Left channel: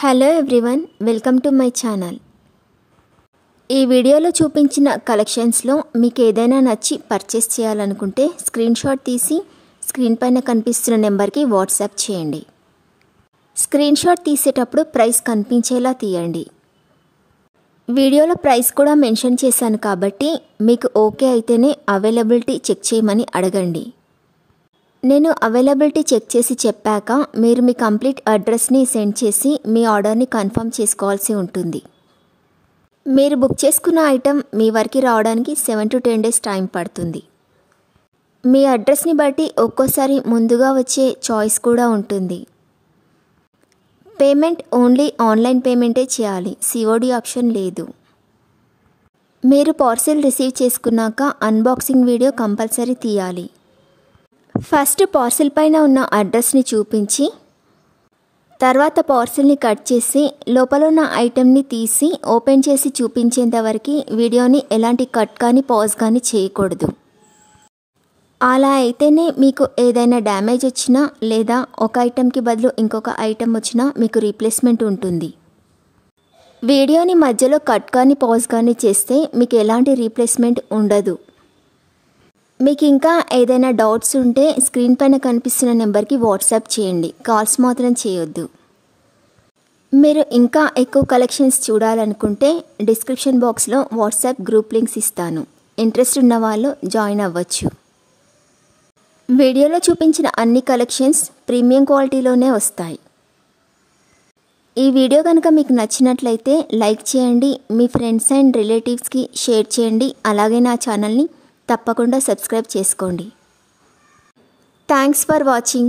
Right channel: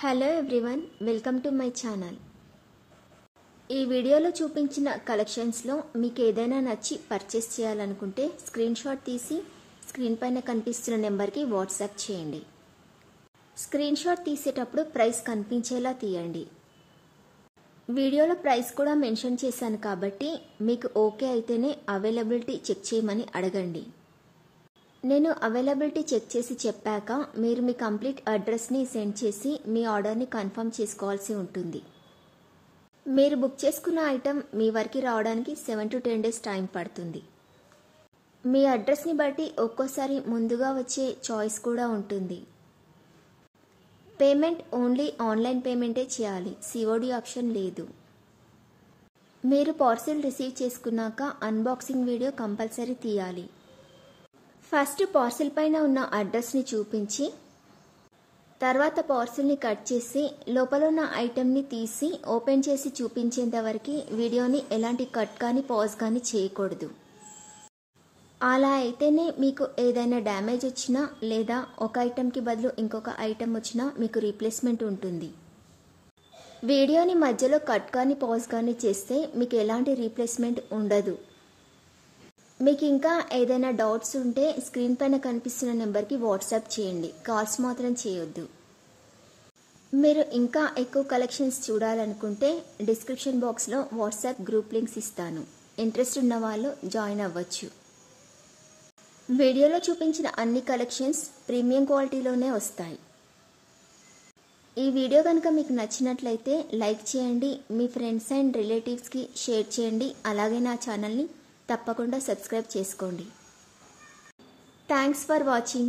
Hello everyone, welcome to my channel. ఈ వీడియోలో చూపించిన కలెక్షన్స్లో మీకు ఏదైనా నచ్చి పర్చేస్ చేయాలనుకుంటే స్క్రీన్ షాట్ తీసి స్క్రీన్ పైన కనిపిస్తున్న నెంబర్కి వాట్సాప్ చేయండి. స్క్రీన్ షాట్ తీసేటప్పుడు ప్రైస్ కనిపించేలా తీయండి. వీడియోలో ప్రైస్ కూడా మెన్షన్ చేశాను కాబట్టి మీకు ఓకే అయితేనే అవైలబిలిటీ చెక్ చేయమని అడగండి. నేను అవైలబిలిటీ చెక్ చేసి చెప్పాక మీరు మీ కంప్లీట్ అడ్రస్ని సెండ్ చేసి మీ ఆర్డర్ని కన్ఫర్మ్ చేసుకోవాల్సి ఉంటుంది. మీరు బుక్ చేసుకున్న ఐటెం మీ వరకు రావడానికి 7 to 10 days టైం పడుతుంది. మీ అడ్రస్ని బట్టి ఒక్కోసారి ముందుగా వచ్చే చాయిస్ కూడా ఉంటుంది. పేమెంట్ ఓన్లీ ఆన్లైన్ పేమెంటే చేయాలి, సిఓడి ఆప్షన్ లేదు. మీరు పార్సిల్ రిసీవ్ చేసుకున్నాక అన్బాక్సింగ్ వీడియో కంపల్సరీ తీయాలి. ఫస్ట్ పార్సిల్ పైన ఉన్న అడ్రస్ని చూపించి తర్వాత పార్సిల్ని కట్ చేసి లోపల ఉన్న ఐటెంని తీసి ఓపెన్ చేసి చూపించేంత వరకు వీడియోని ఎలాంటి కట్ కానీ పాజ్ కానీ చేయకూడదు. అలా అయితేనే మీకు ఏదైనా డ్యామేజ్ వచ్చినా లేదా ఒక ఐటెంకి బదులు ఇంకొక ఐటెం వచ్చినా మీకు రీప్లేస్మెంట్ ఉంటుంది. వీడియోని మధ్యలో కట్ కానీ పాజ్ కానీ చేస్తే మీకు ఎలాంటి రీప్లేస్మెంట్ ఉండదు. మీకు ఇంకా ఏదైనా డౌట్స్ ఉంటే స్క్రీన్ పైన కనిపిస్తున్న నెంబర్కి వాట్సాప్ చేయండి, కాల్స్ మాత్రం చేయొద్దు. మీరు ఇంకా ఎక్కువ కలెక్షన్స్ చూడాలనుకుంటే డిస్క్రిప్షన్ బాక్స్లో వాట్సాప్ గ్రూప్ లింక్స్ ఇస్తాను, ఇంట్రెస్ట్ ఉన్న వాళ్ళు జాయిన్ అవ్వచ్చు. వీడియోలో చూపించిన అన్ని కలెక్షన్స్ ప్రీమియం క్వాలిటీలోనే వస్తాయి. ఈ వీడియో కనుక మీకు నచ్చినట్లయితే లైక్ చేయండి, మీ ఫ్రెండ్స్ అండ్ రిలేటివ్స్కి షేర్ చేయండి. అలాగే నా ఛానల్ని తప్పకుండా సబ్స్క్రైబ్ చేసుకోండి. Thanks for watching.